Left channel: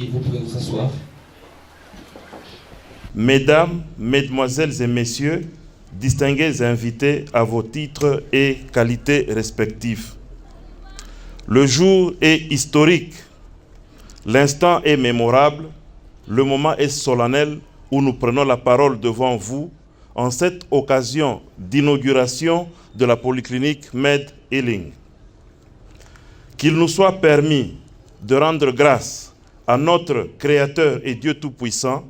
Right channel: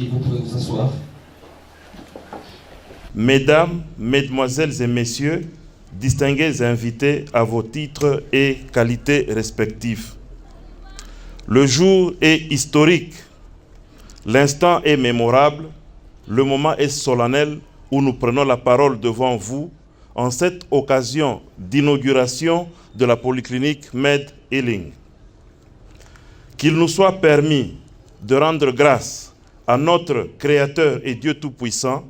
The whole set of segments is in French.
Et vous pouvez vous asseoir. Mesdames, Mesdemoiselles et Messieurs, distingués invités à vos titres et qualités respectifs. Le jour est historique, l'instant est mémorable, le moment est solennel où nous prenons la parole devant vous en cette occasion d'inauguration de la polyclinique Med Healing. Qu'il nous soit permis de rendre grâce à notre Créateur et Dieu Tout-Puissant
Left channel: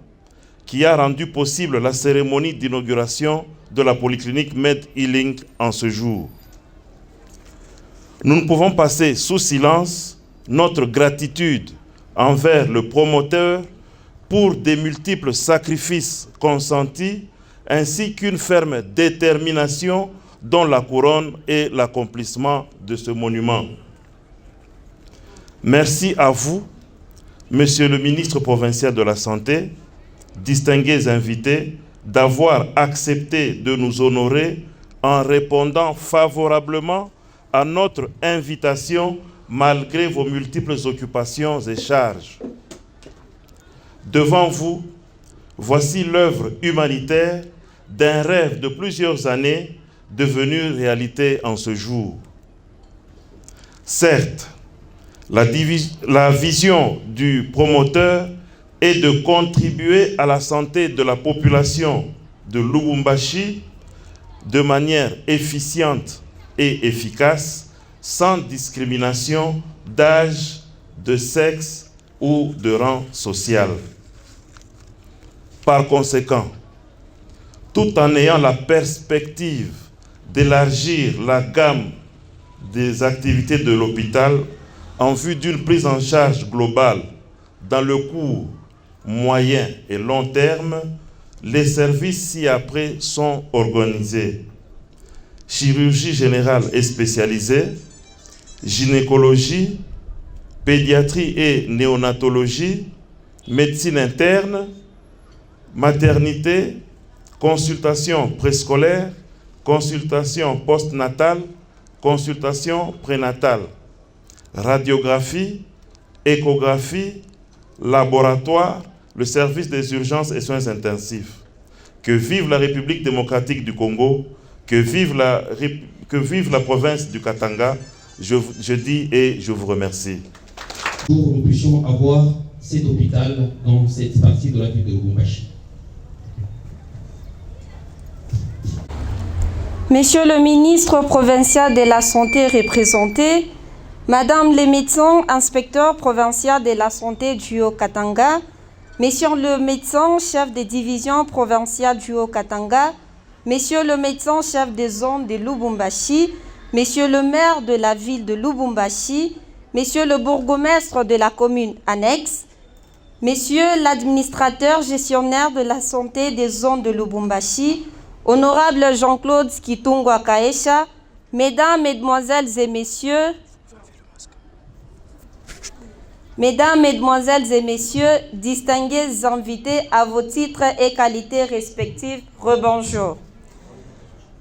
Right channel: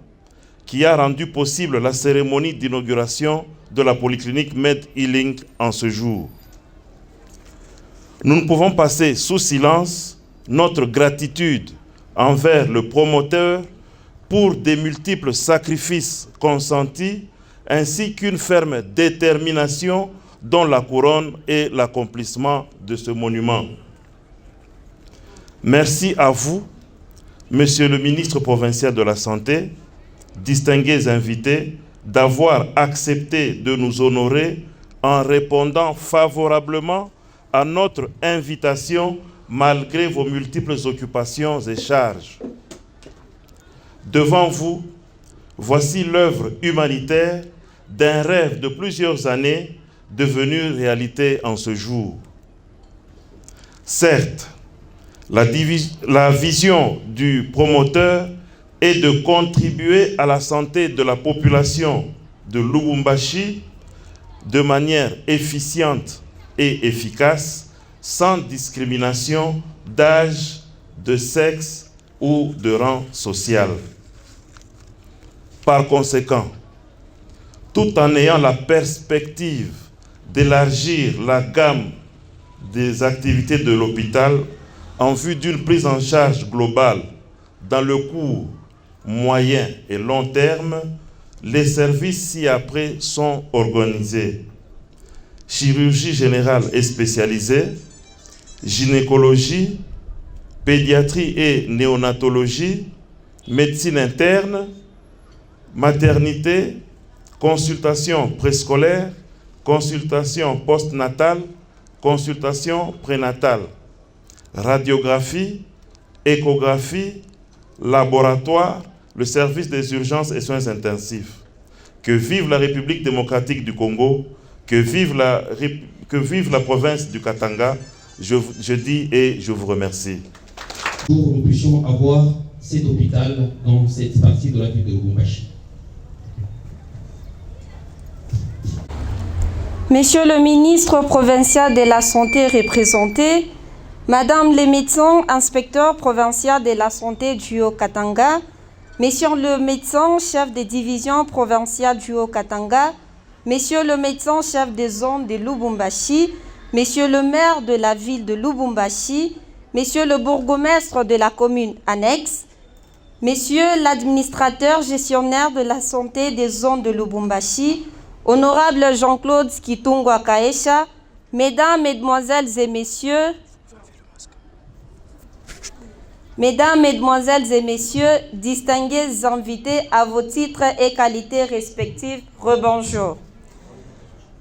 qui a rendu possible la cérémonie d'inauguration de la polyclinique Med Healing en ce jour. Nous ne pouvons passer sous silence notre gratitude envers le promoteur pour des multiples sacrifices consentis ainsi qu'une ferme détermination dans la couronne et l'accomplissement de ce monument. Merci à vous, Monsieur le ministre provincial de la Santé, distingués invités, d'avoir accepté de nous honorer en répondant favorablement à notre invitation malgré vos multiples occupations et charges. Devant vous, voici l'œuvre humanitaire d'un rêve de plusieurs années devenu réalité en ce jour. Certes, la vision du promoteur est de contribuer à la santé de la population de Lubumbashi de manière efficiente et efficace, sans discrimination d'âge, de sexe ou de rang social. Par conséquent, tout en ayant la perspective d'élargir la gamme des activités de l'hôpital en vue d'une prise en charge globale dans le court, moyen et long terme, les services ci-après sont organisés. Chirurgie générale et spécialisée, gynécologie, pédiatrie et néonatologie, médecine interne, maternité, consultation préscolaire, consultation postnatale, consultation prénatale, radiographie, échographie, laboratoire, le service des urgences et soins intensifs. Que vive la République démocratique du Congo, que vive la province du Katanga, je dis et je vous remercie. Pour que nous puissions avoir cet hôpital dans cette partie de la ville de Lubumbashi. Monsieur le ministre provincial de la Santé représenté, Madame les médecins inspecteurs provinciaux de la santé du Haut-Katanga, Monsieur le médecin chef de division provinciale du Haut-Katanga, Monsieur le médecin chef des zones de Lubumbashi, Monsieur le maire de la ville de Lubumbashi, Monsieur le bourgmestre de la commune annexe, Monsieur l'administrateur gestionnaire de la santé des zones de Lubumbashi, Honorable Jean-Claude Kitungwa Kaesha, Mesdames, Mesdemoiselles et Messieurs, Mesdames, Mesdemoiselles et Messieurs, distingués invités à vos titres et qualités respectives, rebonjour.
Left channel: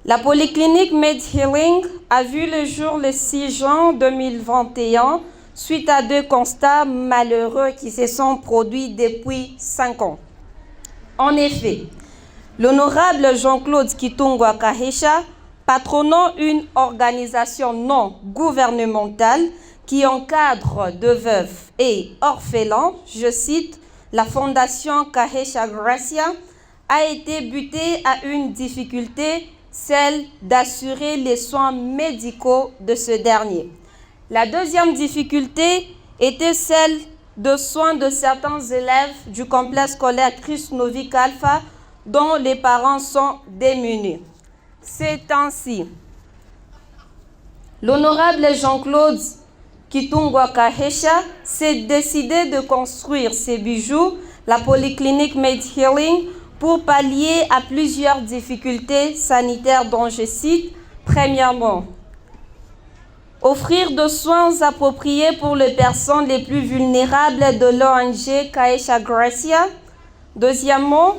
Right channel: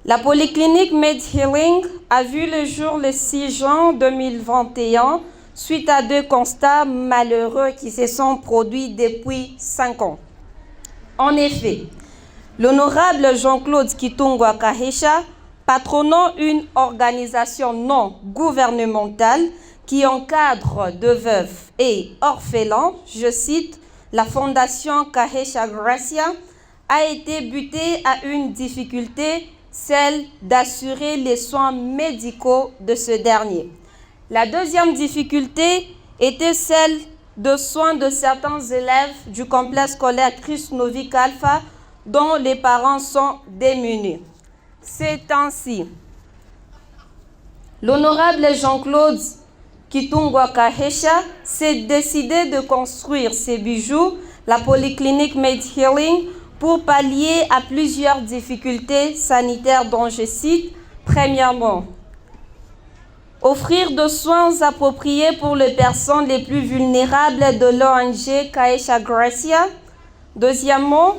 La polyclinique Med Healing a vu le jour le 6 juin 2021 suite à 2 constats malheureux qui se sont produits depuis 5 ans. En effet, l'honorable Jean-Claude Kitungwa Kaesha, patronant une organisation non gouvernementale qui encadre de veufs et orphelins, je cite, la fondation Kaesha Gracia, a été buté à une difficulté, celle d'assurer les soins médicaux de ce dernier. La deuxième difficulté était celle de soins de certains élèves du complexe scolaire Christ Novik Alpha dont les parents sont démunis. C'est ainsi. L'honorable Jean-Claude Kitungwa Kaesha s'est décidé de construire ses bijoux, la polyclinique Med Healing, pour pallier à plusieurs difficultés sanitaires dont je cite, premièrement, offrir de soins appropriés pour les personnes les plus vulnérables de l'ONG Kaesha Gracia. Deuxièmement,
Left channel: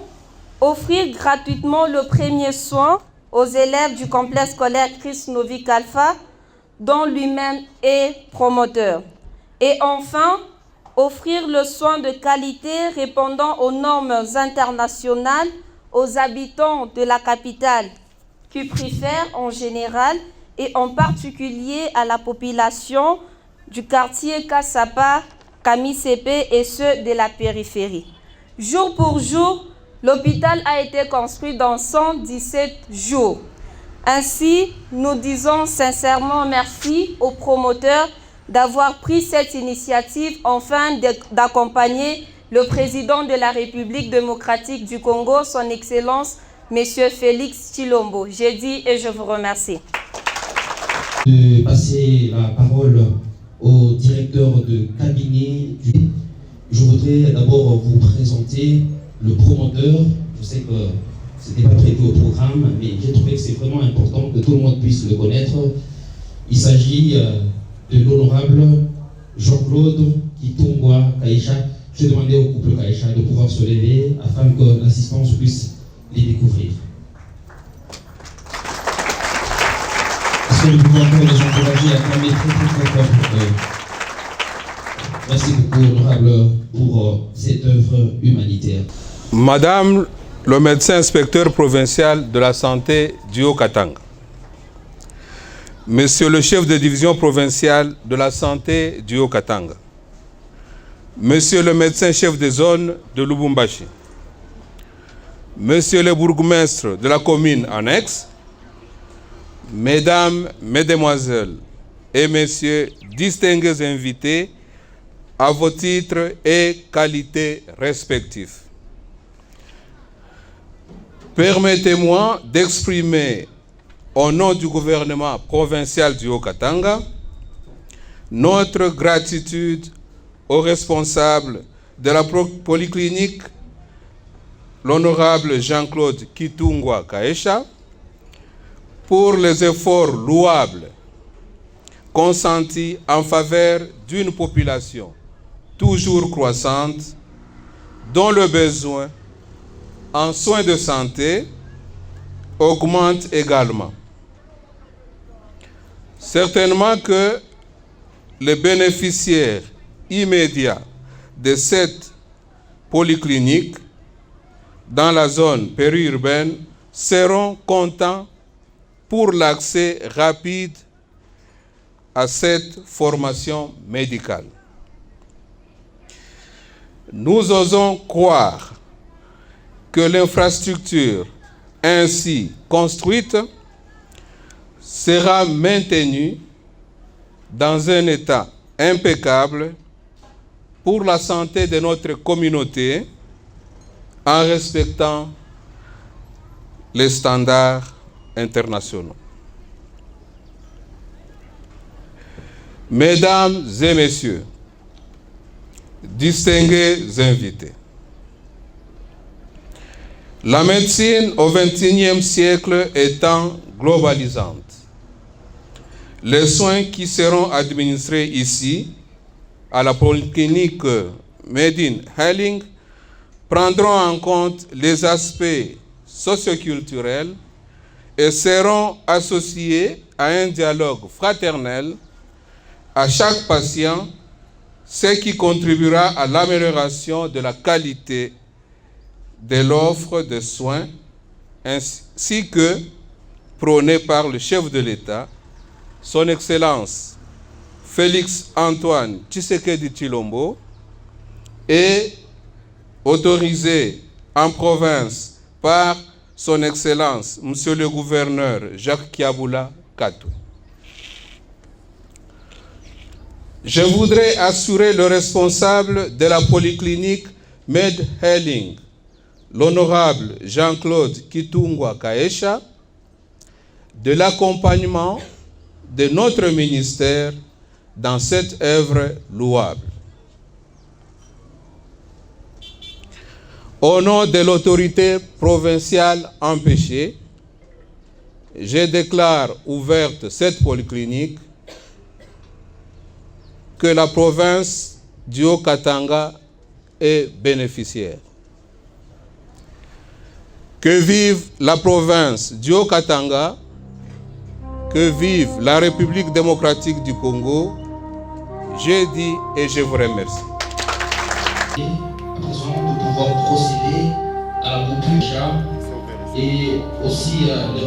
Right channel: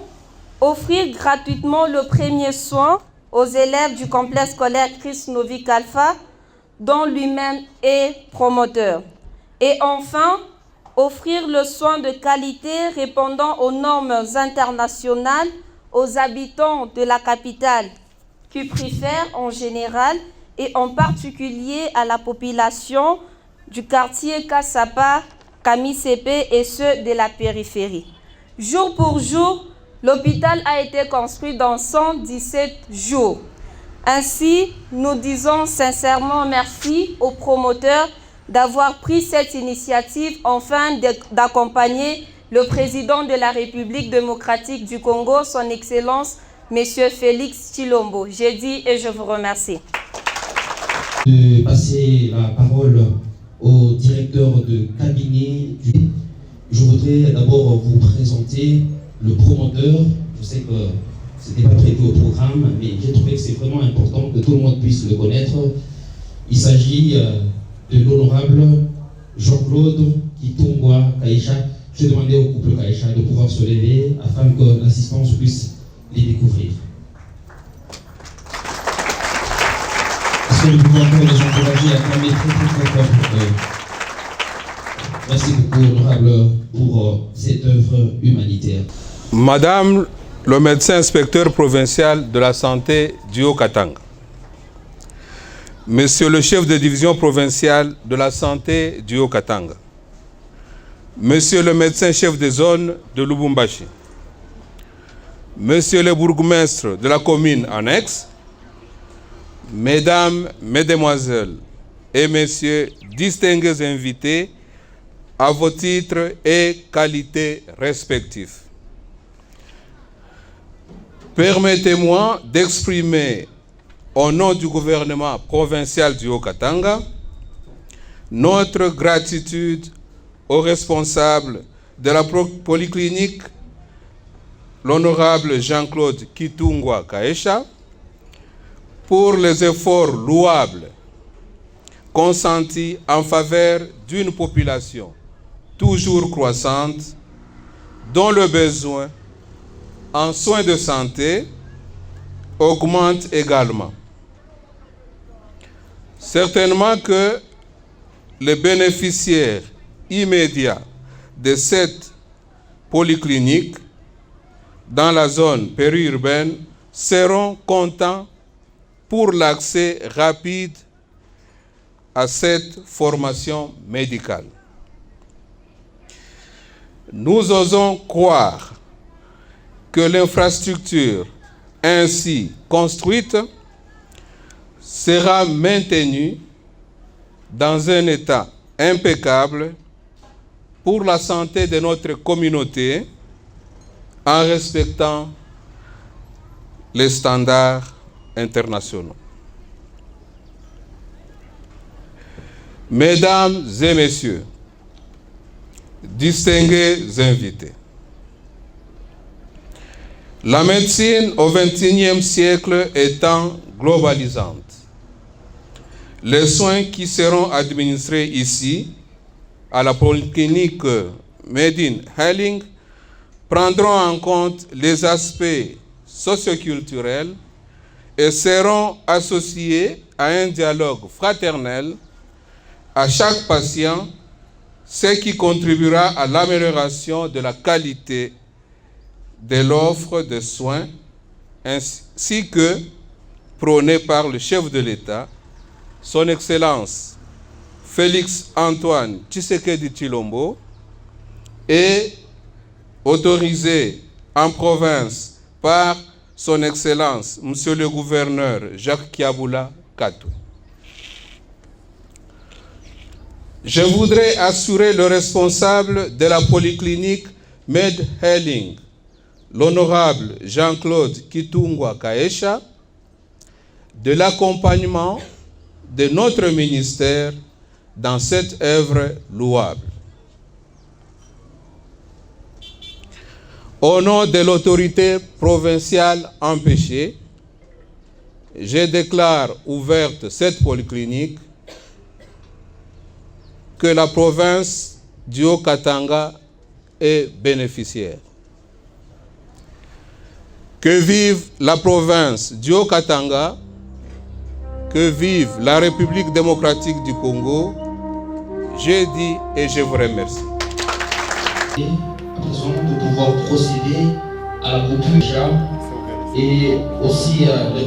offrir gratuitement le premier soin aux élèves du complexe scolaire Christ Novik Alpha, dont lui-même est promoteur. Et enfin, offrir le soin de qualité répondant aux normes internationales aux habitants de la capitale, qui préfèrent en général et en particulier à la population du quartier Kassapa, Kamisepe et ceux de la périphérie. Jour pour jour, l'hôpital a été construit dans 117 jours. Ainsi, nous disons sincèrement merci aux promoteurs d'avoir pris cette initiative afin d'accompagner le président de la République démocratique du Congo, son Excellence, M. Félix Tshilombo. J'ai dit et je vous remercie. De passer la parole au directeur de cabinet. Je voudrais d'abord vous présenter le promoteur. Je sais que ce n'était pas prévu au programme, mais j'ai trouvé que c'est vraiment important que tout le monde puisse le connaître. Il s'agit de l'honorable Jean-Claude Kitungwa Kaisha. Je vais demander au couple Kaisha de pouvoir se lever afin que l'assistance puisse les découvrir. Est-ce que nous pouvons encore les encourager à acclamer très fort. Merci beaucoup, honorable, pour cette œuvre humanitaire. Madame le médecin inspecteur provincial de la santé du Haut-Katanga, Monsieur le chef de division provinciale de la santé du Haut-Katanga, Monsieur le médecin chef de zone de Lubumbashi, Monsieur le bourgmestre de la commune annexe, Mesdames, Mesdemoiselles et Messieurs, distingués invités, à vos titres et qualités respectifs. Permettez-moi d'exprimer au nom du gouvernement provincial du Haut-Katanga notre gratitude aux responsables de la polyclinique, l'honorable Jean-Claude Kitungwa Kaisha, pour les efforts louables consentis en faveur d'une population toujours croissante dont le besoin en soins de santé augmente également. Certainement que les bénéficiaires immédiats de cette polyclinique dans la zone périurbaine seront contents pour l'accès rapide à cette formation médicale. Nous osons croire que l'infrastructure ainsi construite sera maintenue dans un état impeccable pour la santé de notre communauté en respectant les standards internationaux. Mesdames et messieurs, distingués invités, la médecine au XXIe siècle étant globalisante, les soins qui seront administrés ici, à la polyclinique Made in Helling, prendront en compte les aspects socioculturels et seront associés à un dialogue fraternel à chaque patient, ce qui contribuera à l'amélioration de la qualité de l'offre de soins, ainsi que prônée par le chef de l'État, son Excellence Félix Antoine Tshisekedi Tshilombo, et autorisé en province par son Excellence Monsieur le Gouverneur Jacques Kiaboula Katoué. Je voudrais assurer le responsable de la polyclinique Med Helling, l'honorable Jean-Claude Kitungwa Kaisha, de l'accompagnement de notre ministère dans cette œuvre louable. Au nom de l'autorité provinciale empêchée, je déclare ouverte cette polyclinique que la province du Haut-Katanga est bénéficiaire. Que vive la province du Haut-Katanga, que vive la République démocratique du Congo, je dis et je vous remercie. À présent, de pouvoir procéder à la coupure et aussi les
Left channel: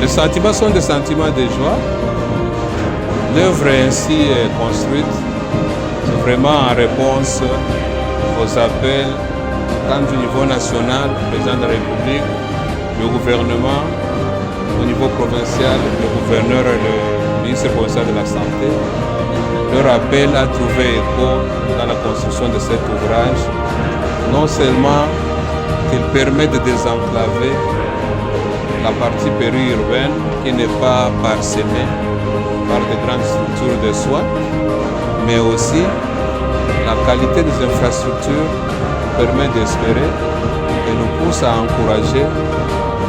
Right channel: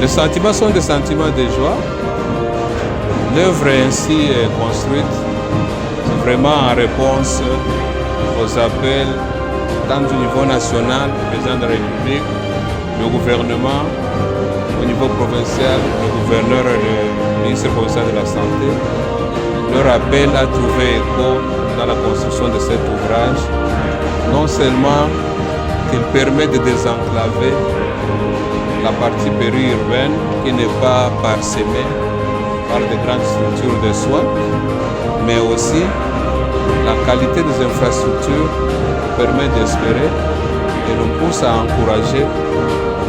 Les sentiments sont des sentiments de joie. L'œuvre ainsi construite, c'est vraiment en réponse aux appels tant du niveau national, le président de la République, le gouvernement, au niveau provincial, le gouverneur et le ministre provincial de la Santé. Leur appel a trouvé écho dans la construction de cet ouvrage, non seulement qu'il permet de désenclaver la partie périurbaine qui n'est pas parsemée par de grandes structures de soins, mais aussi la qualité des infrastructures permet d'espérer et nous pousse à encourager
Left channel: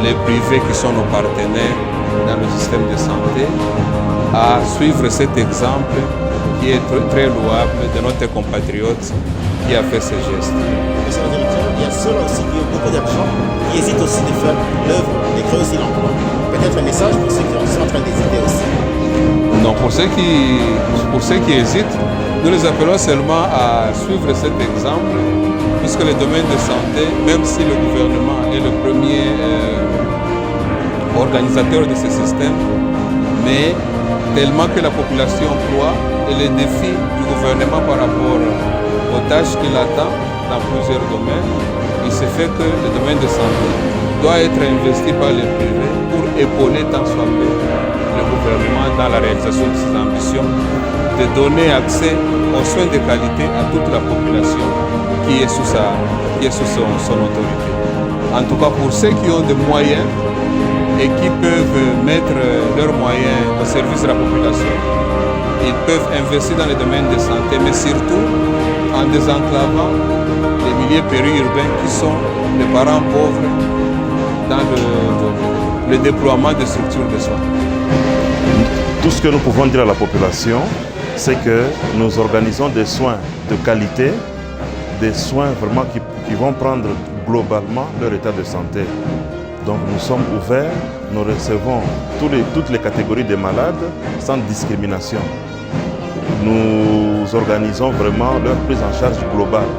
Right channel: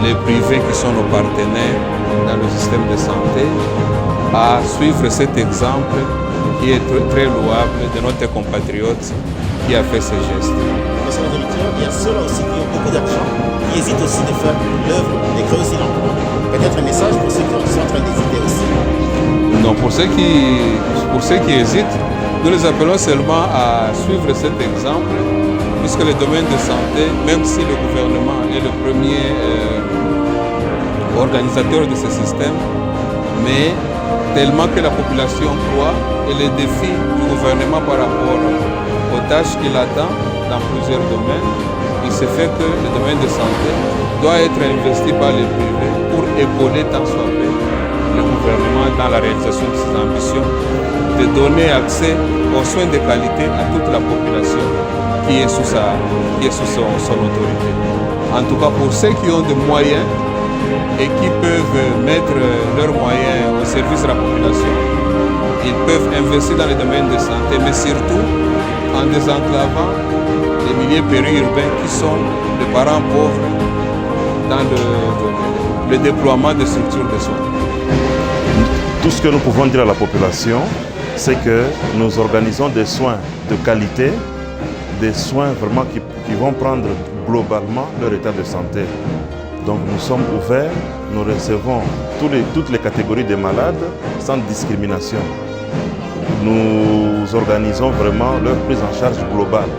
les privés qui sont nos partenaires dans le système de santé à suivre cet exemple qui est très louable de notre compatriote qui a fait ce geste. Monsieur le directeur, il y a ceux-là aussi qui ont beaucoup d'argent, qui hésitent aussi de faire l'œuvre, de créer aussi l'emploi. Peut-être un message pour ceux qui sont en train d'hésiter aussi. Non, pour ceux qui hésitent, nous les appelons seulement à suivre cet exemple, puisque le domaine de santé, même si le gouvernement est le premier organisateur de ce système, mais tellement que la population croit et les défis du gouvernement par rapport aux tâches qu'il attend dans plusieurs domaines, il se fait que le domaine de santé doit être investi par les privés pour épauler tant soit peu le gouvernement dans la réalisation de ses ambitions, de donner accès aux soins de qualité à toute la population qui est sous son autorité. En tout cas, pour ceux qui ont des moyens et qui peuvent mettre leurs moyens au service de la population, ils peuvent investir dans les domaines de santé, mais surtout en désenclavant les milieux périurbains qui sont les parents pauvres dans le déploiement des structures de soins. Tout ce que nous pouvons dire à la population, c'est que nous organisons des soins de qualité, des soins vraiment qui vont prendre globalement leur état de santé. Donc nous sommes ouverts, nous recevons toutes les catégories de malades sans discrimination. Nous organisons vraiment leur prise en charge globale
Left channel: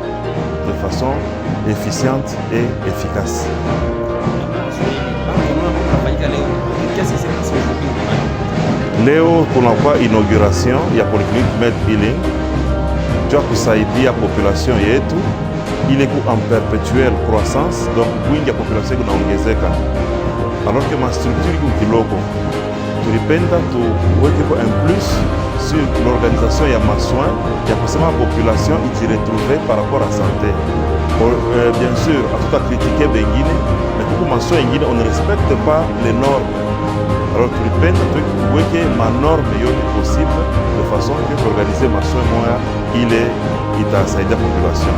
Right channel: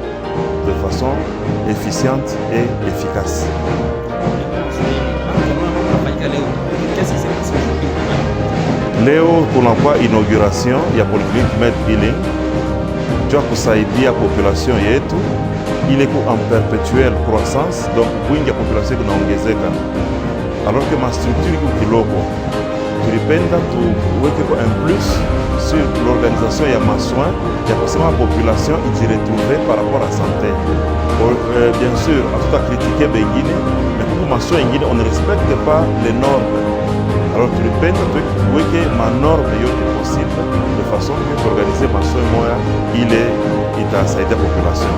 de façon efficiente et efficace. Qu'est-ce qui s'est passé aujourd'hui? Leo kunakuwa inauguration ya Polyclinic Med Healing juu ya kusaidia population yetu ile ku en perpetuelle croissance, donc wingi ya population kunaongezeka, alors que ma structure iko kiloko. Tulipenda tuweke ko un plus sur l'organisation ya masoins ya kusema population ijiretrouver par rapport à santé. Bien sûr, hatutakritike bengine, mais kuku masoins ingine on ne respecte pas les normes. Alors tulipenda tuweke manorme yote possible de façon que tuorganize masomo moya ile itasaidia population.